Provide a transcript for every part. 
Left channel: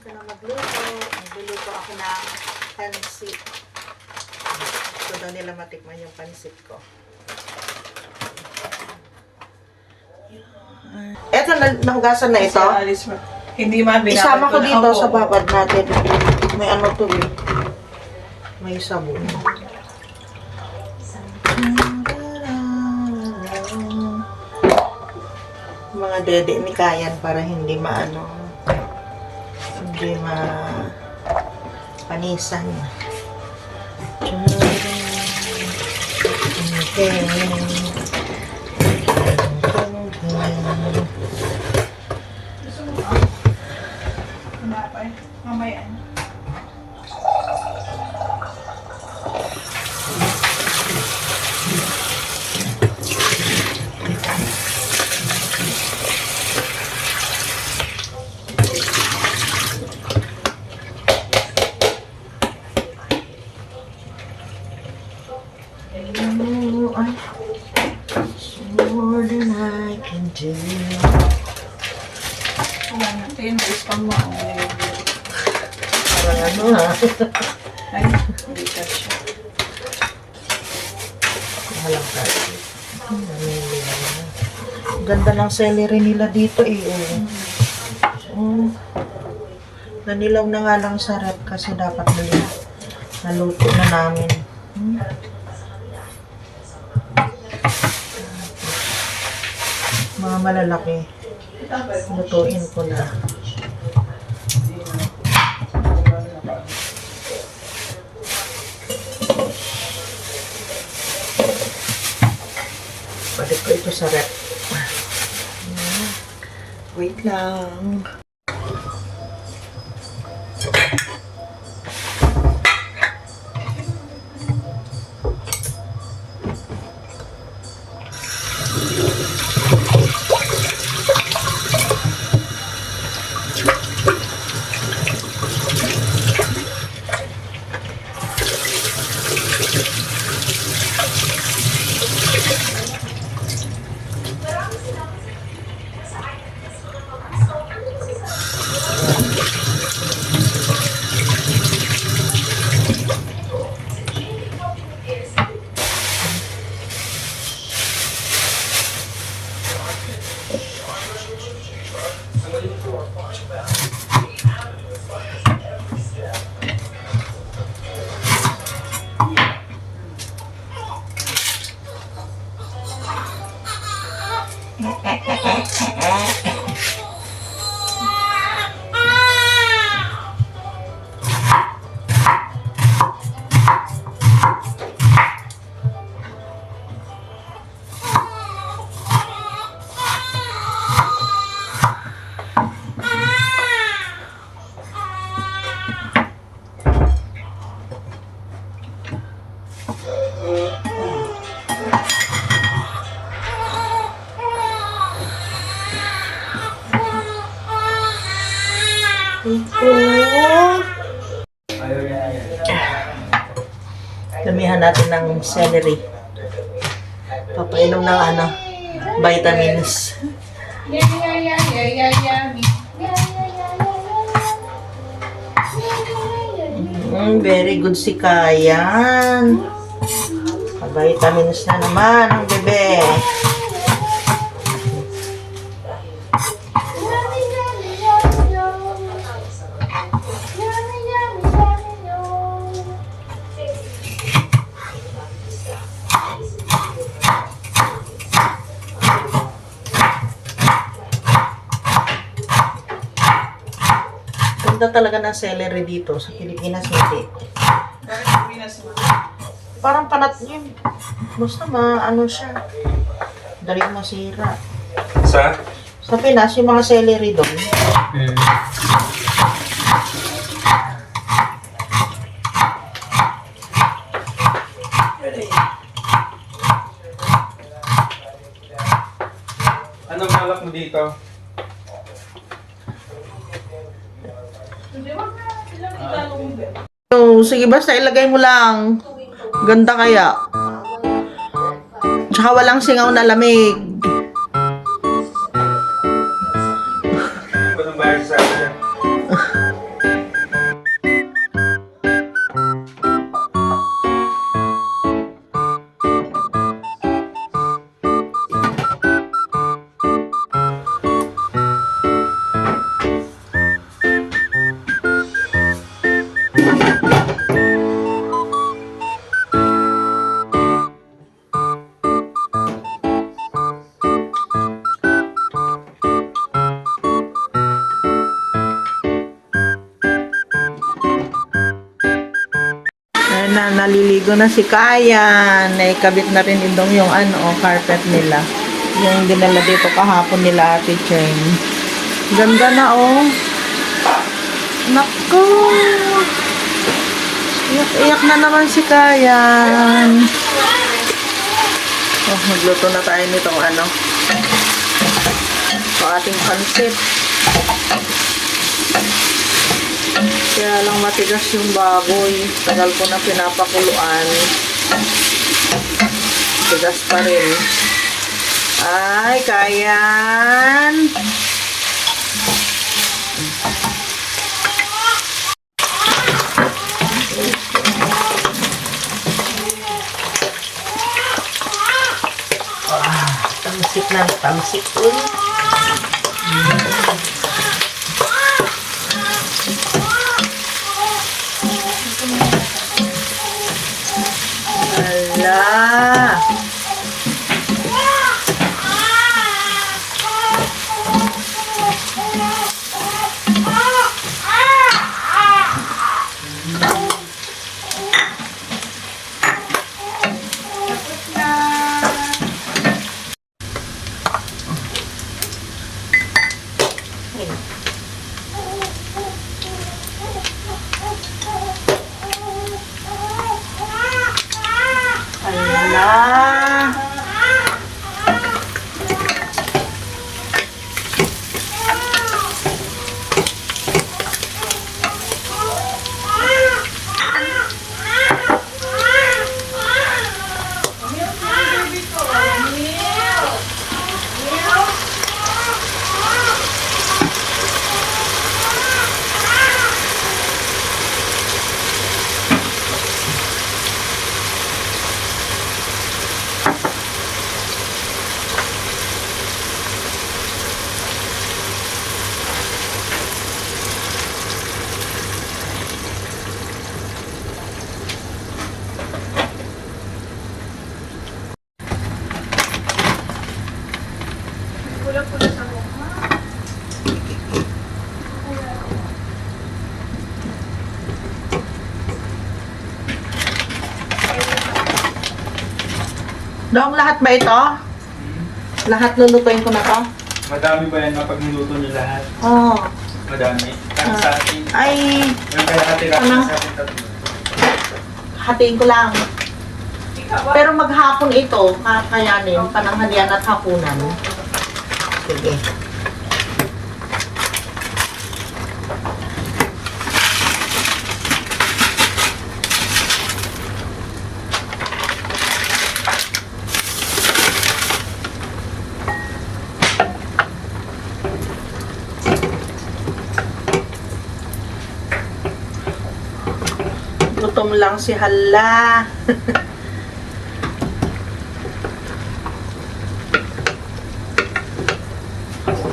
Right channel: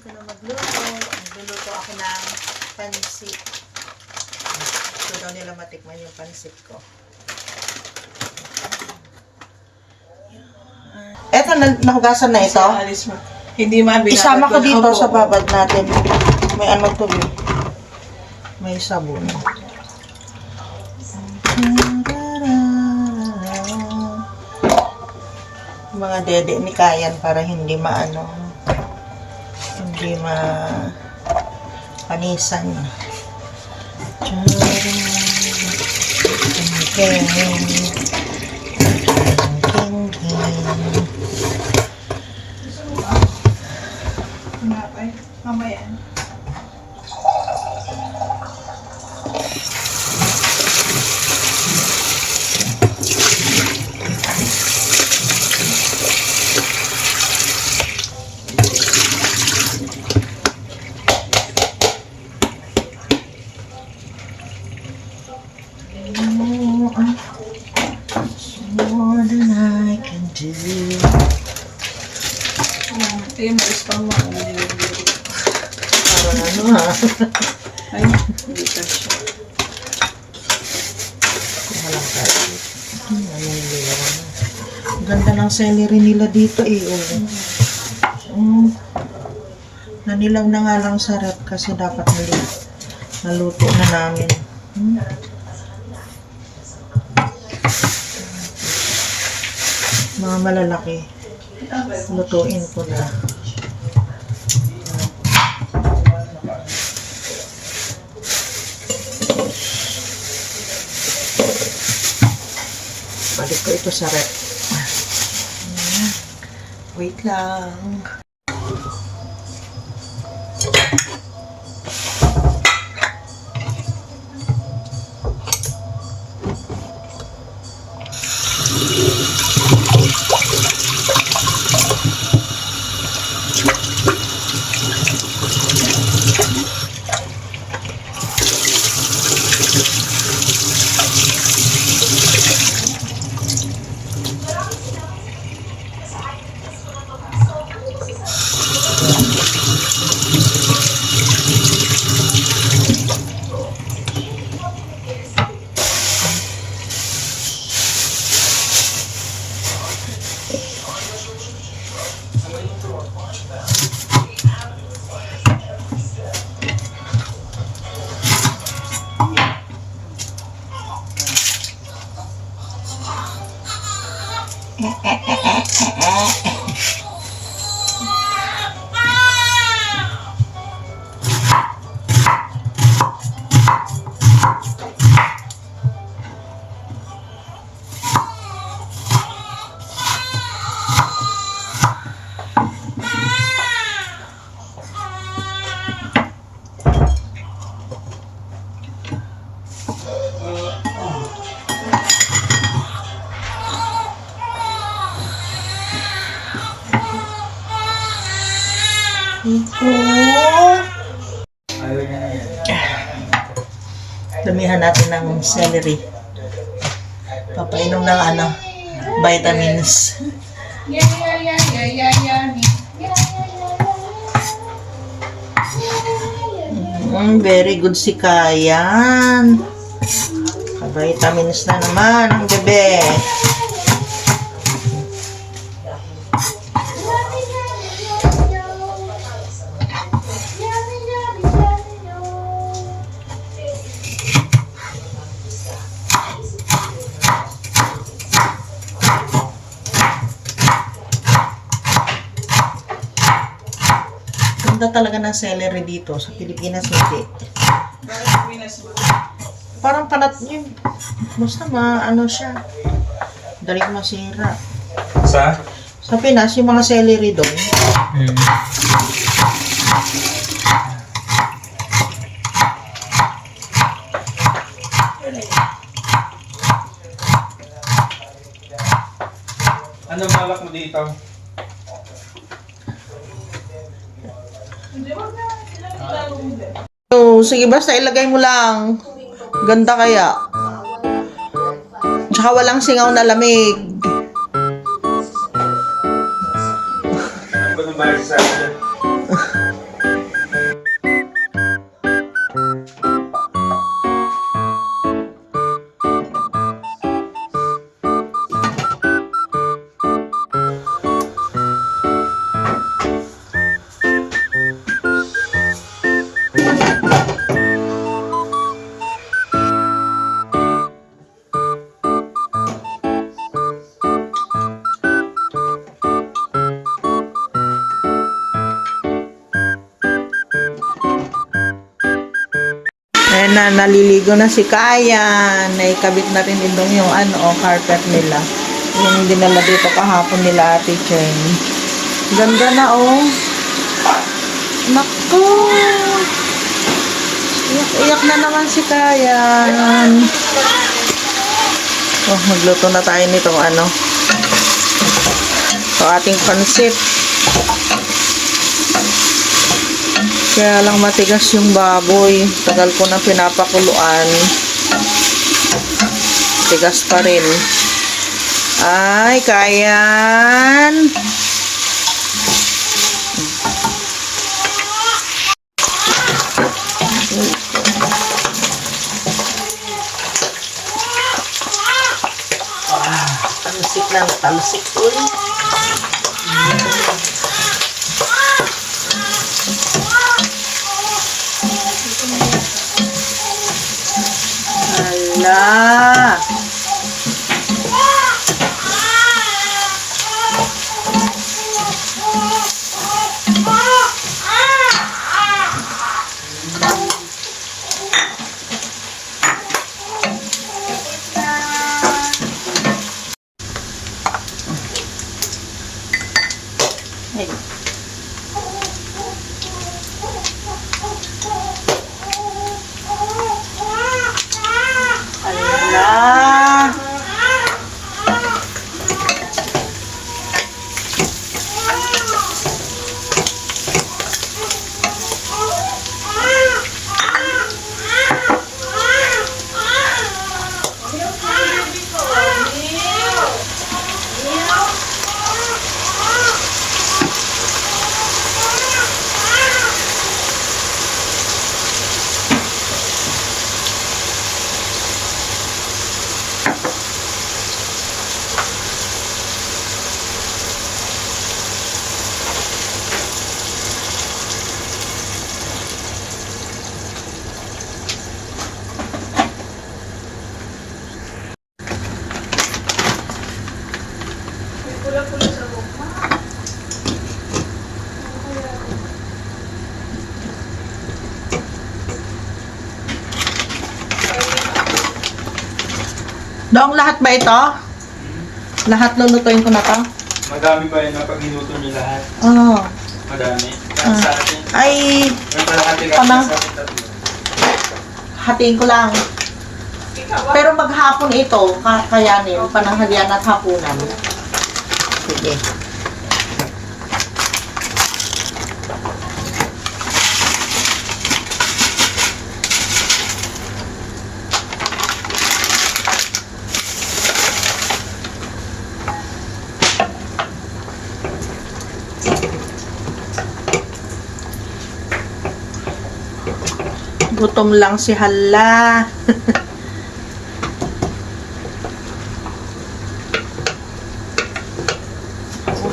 Ito na magluto. Magluluto ako ng pansit. Gusto daw nila matikman yung pansit ko. Eto, nahugasan na ito. Hindi mabinabad. Isama ko dito sa babad natin. May ano to eh. May sabon. Mga dede ni Kayan para hindi maano. Hindi panisan. Okay. Mamaya. More than I can do. Ayun, ma-spam mo ako. Parang ano ha? Ay, hindi ka siya. Walang kasi. Ang ganda ng celery nila dito eh. Nanilaw na nga lang sa rep kasi dapat muli naluto na namin. Mga malalaki. Lutuin ko na. Balik ko ito sa rep. Wait lang. Damihan natin ng celery. Papainom ng vitamins. Very good si Kayan. Vitamins na naman ang bebe. Ganda talaga ng celery dito sa Pilipinas, hindi. Parang panat yun. Basta ano siya. Dali masira. Sa Pinas, yung mga celery doon. Anong balak mo dito? So, sige basta ilagay mo lang. Ganda kaya. Tsaka walang singaw na lamig. Ano ba nang bayad sa akin? Ayan na, naliligo na si Kayan. Naikabit na rin itong yung carpet nila. Yung dinala dito kahapon nila Ate Cheng. Ganda na, oh. Naku! Iyak-iyak na naman si Kayan. Oh, nagluto na tayo nitong ito ating pansit. Kaya lang matigas yung baboy. Tagal ko na pinapakuluan. Tigas pa rin. Ay, Kayan. Talsik lang, talsik ulit. Hala. Hala. Dong, lahat ba ito? Lahat lulutuin ko na to? Madami ba yan kapag minuto niyo lahat? Oo. Madami. Sa atin. Ay, Yung kalahati ka Ano? sa atin tatlo. hatiin ko lang. Pero maghapon ito, kakayanin, pananghalian at hapunan. Sige. Gutom lang si Hala.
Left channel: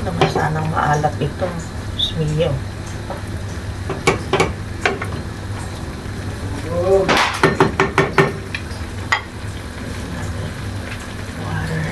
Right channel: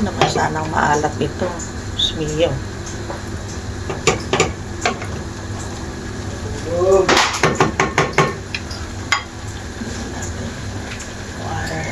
Naku, sanang maalat ito. Smiyo. Water.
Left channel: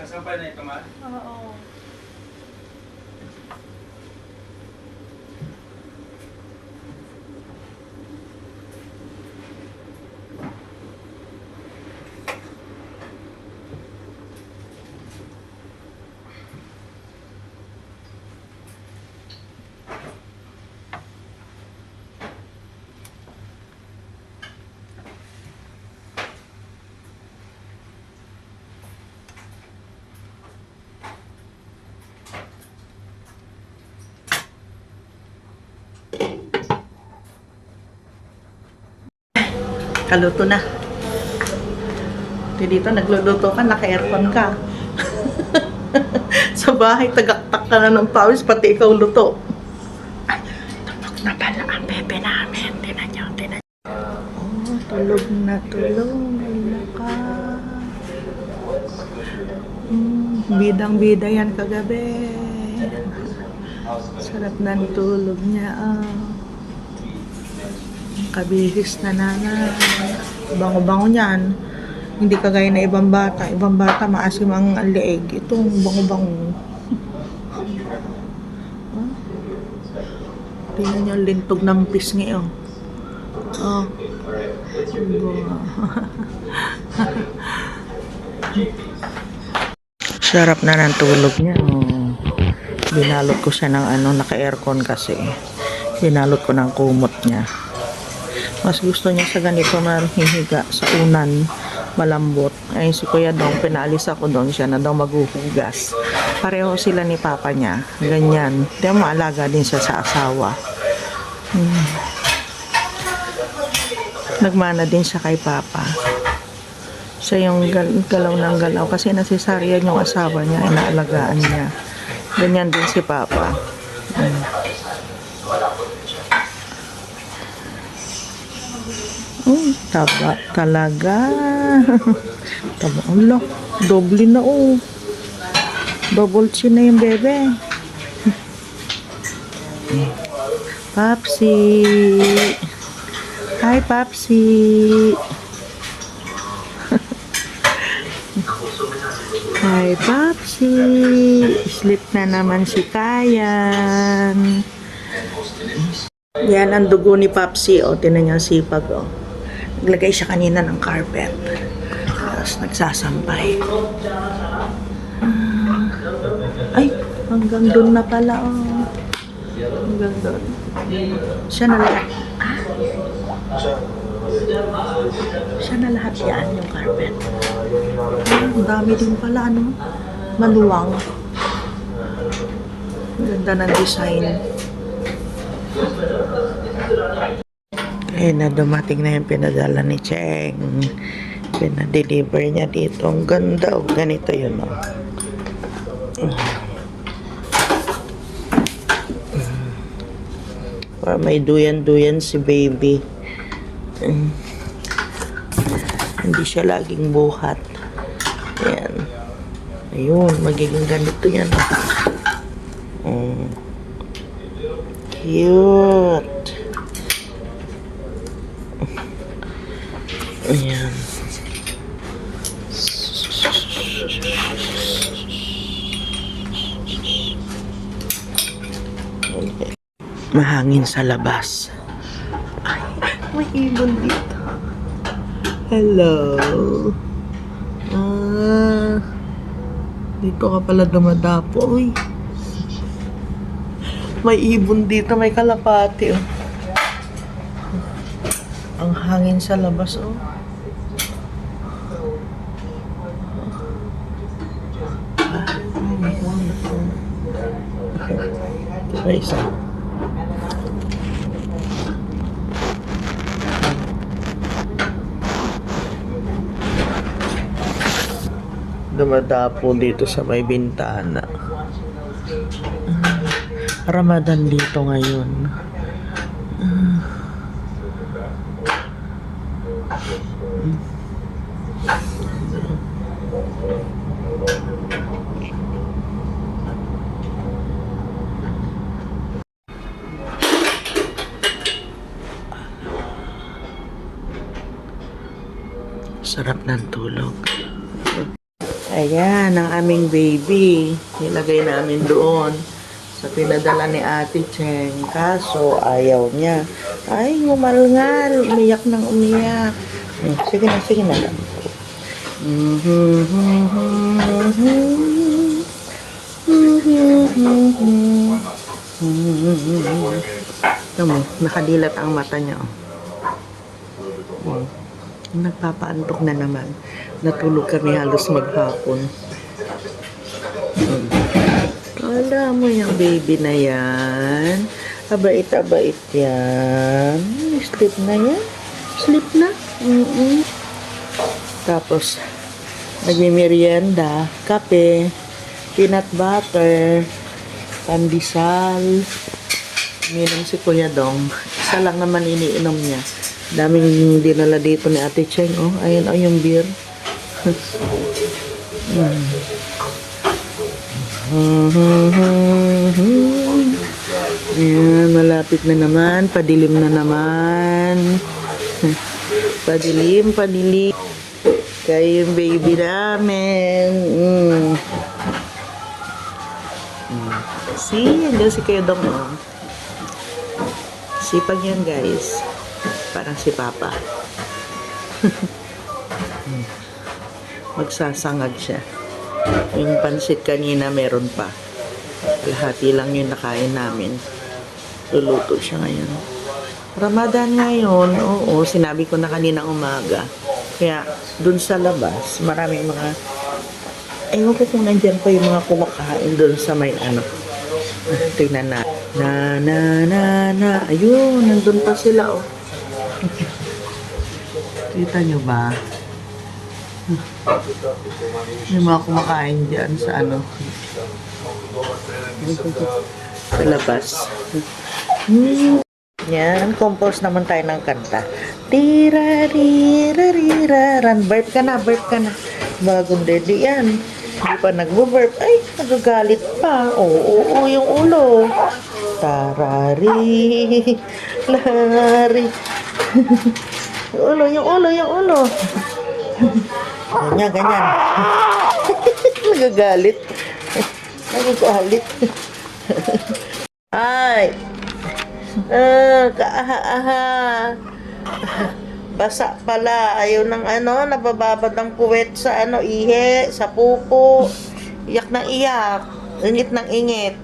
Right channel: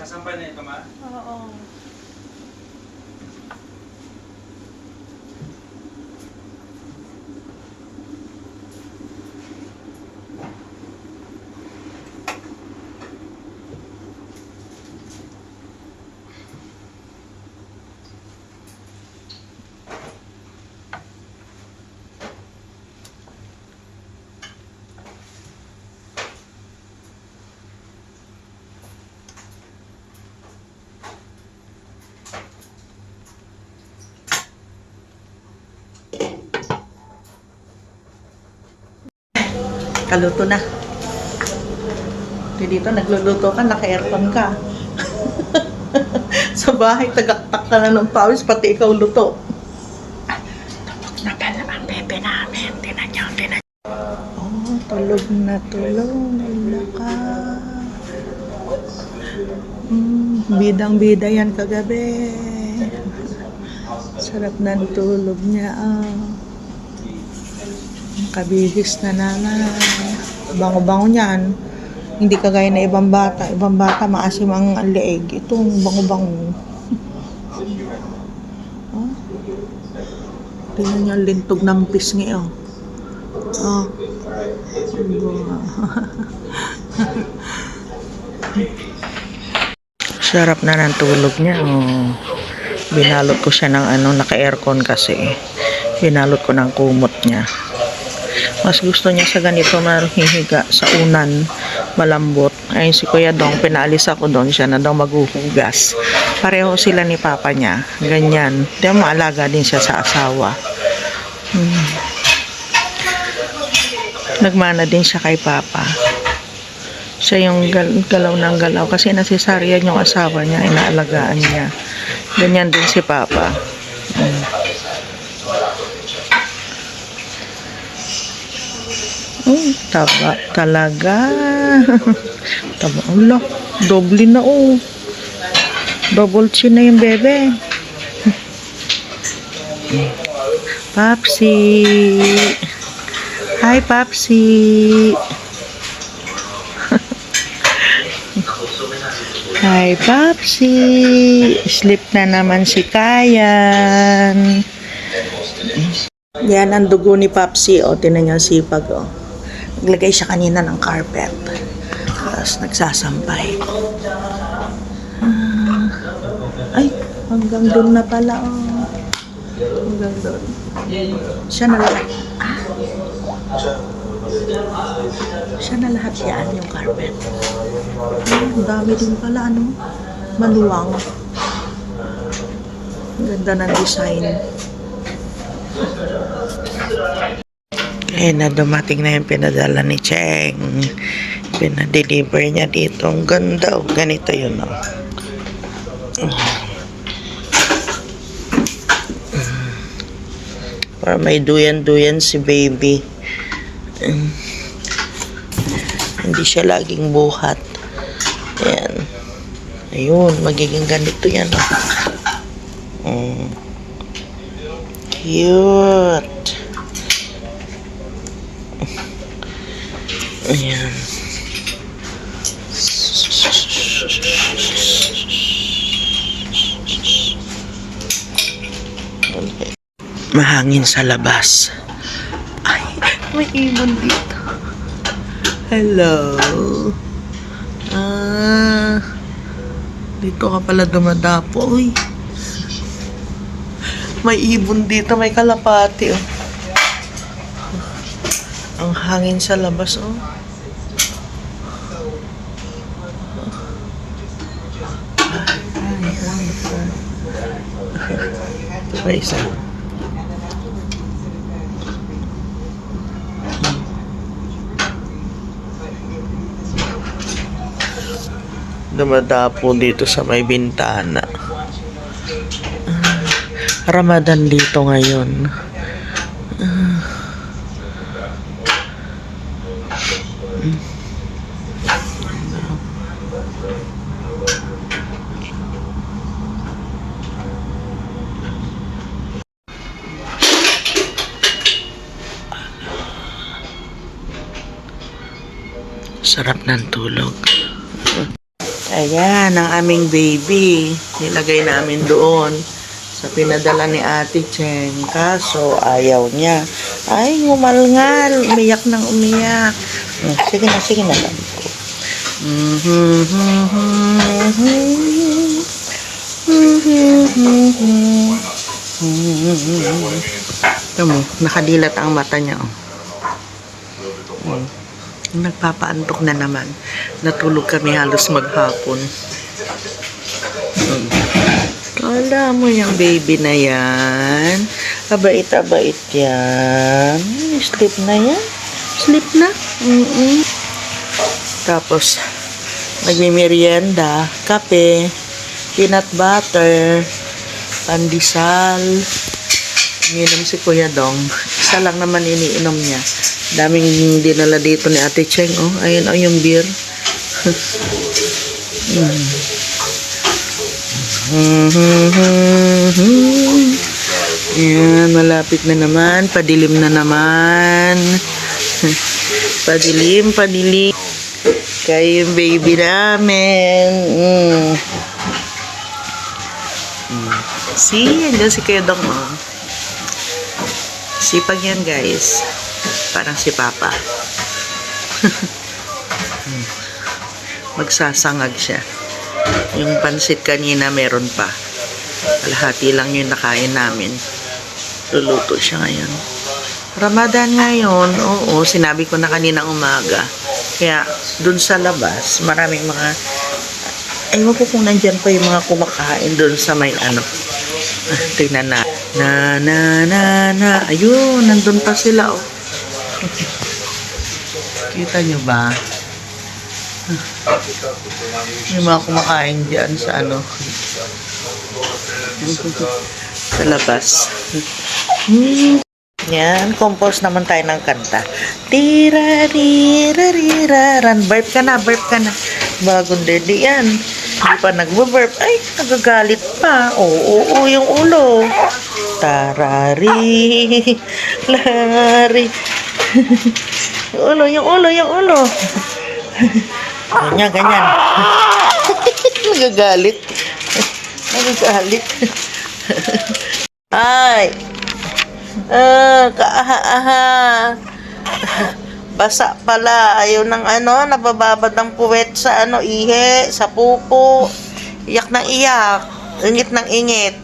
Sasampay na ito, ma. Oo. Kaluto na. Dito, nagluluto ka, naka-aircon ka. Sa bahay, tagaktak ka na ng pawis, pati ikaw luto. Ay, tulog na pala ang bebe namin. Tinan niyo. Oh, tulog na. Wala ka. Bidang-bida yan kagabi. Sarap ng tulog niya. Kabihis na nanay. Bango-bango niyan. Hindi kagaya na ibang bata. Ibang bata, maasim ang leeg. Itong bango-bango. Oh. Tingnan niyo, lintog ng pisngi, oh. Oh. Sarap na ng tulog niya, oh. Binalot ko siya ng naka-aircon kasi. Binalot ko ng kumot niya. Mas gusto niya sa ganito mahihiga sa unan, malambot. Ayun si Kuya Dong, pinaalis ako doon, siya na daw maghuhugas. Pareho sila ni Papa niya, ganyan. Di maalaga din siya sa asawa. Nagmana din siya kay Papa. Siya yung galaw ng galaw kasi nasisaryan yung asawa niya, inaalagaan niya. Ganyan din si Papa. Taba talaga. Taba, Allah. Doble na, oh. Double chin na yung bebe. Papsi. Hi, Papsi. Hi, Papsi. Sleep na naman si Kayan. Yan ang dugo ni Papsi, oh. Tinan niyo sipag, oh. Naglagay siya kanina ng carpet. Tapos nagsasampay. Ay, hanggang doon na pala, oh. Hanggang doon. Siya na lahat. Siya na lahat yan, yung carpet. Ang dami din pala, ano? Maluwang. Ganda ng design. Na dumating na yung pinadala ni Cheng. Pinadeliver niya dito. Ang ganda, oh. Ganito yun, oh. Para may duyan-duyan si baby. Hindi siya laging buhat. Ayan. Ayun, magiging ganito yan, oh. Cute. Ayan. Okay. Mahangin sa labas. Ay, may ibon dito. Hello. Dito ka pala dumadapo. Uy. May ibon dito, may kalapati, oh. Ang hangin sa labas, oh. Ay, isa. Dumadapo dito sa may bintana. Ramadan dito ngayon. Sarap ng tulog. Ayan, ang aming baby. Nilagay namin doon sa pinadala ni Ate Cheng. Kaso, ayaw niya. Ay, ngumalngal. Umiyak ng umiyak. Sige na lang po. Ito mo, nakadilat ang mata niya. Oh. Nagpapaantok na naman. Natulog kami halos maghapon. Kala mo yung baby na yan. Abait yan. Sleep na yan. Sleep na. Tapos, nagmimerienda, kape, peanut butter, pandesal. Ininom si Kuya Dong. Isa lang naman iniinom niya. Daming dinala dito ni Ate Cheng. Oh, ayun yung beer. Ayan, malapit na naman. Padilim na naman. Padilim. Kayo yung baby namin. See, andyan si Kuya Dong. Oh. Sipag yan, guys. Parang si Papa. Magsasangag siya. Yung pansit kanina meron pa. Kalahati lang yung nakain namin. Luluto siya ngayon. Ramadan ngayon. Oo, sinabi ko na kaninang umaga. Kaya, dun sa labas, maraming mga... Ewan ko kung nandyan pa yung mga kumakain dun sa may ano. Tingnan na. Na. Ayun, nandun pa sila, oh. Kita nyo ba? Yung mga kumakain dyan sa ano. Sa labas. Yan, compose naman tayo ng kanta. Tira-rira-rira-ran. Burp ka na. Bagong dedi yan. Hindi pa nagbo-burp. Ay, nagagalit pa. Oo, yung ulo. Tarari. Lari. Yung ulo. Ganyan. Nagagalit. Ay. Kaaha. Basa pala. Ayaw ng ano, nabababad ang puwet sa ano, ihe, sa pupo. Iyak ng iyak. Ingit ng ingit.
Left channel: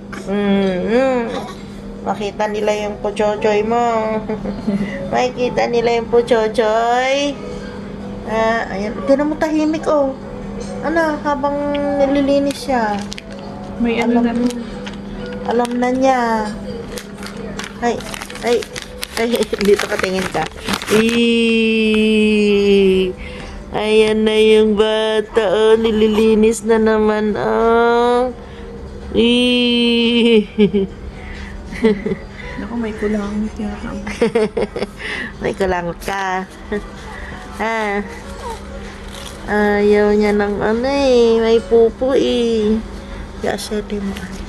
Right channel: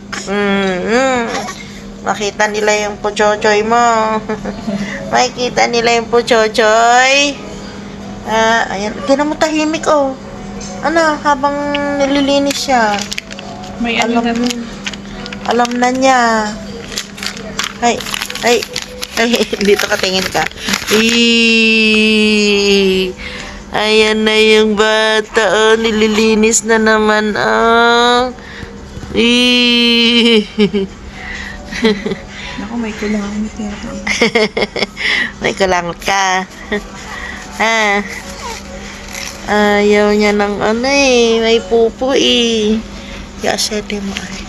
Makita nila yung puchochoy mo. Makikita nila yung puchochoy. Ayan. Tinan mo tahimik, oh. Ano, habang nililinis siya. May ano na rin. Alam na niya. Ay, dito ka, tingin ka. Ayan na yung bata, oh. Nililinis na naman, oh. Naku, may kulangot yata. May kulangot ka. Ayaw niya ng ano eh. May pupo eh. Kaya sete mo ay.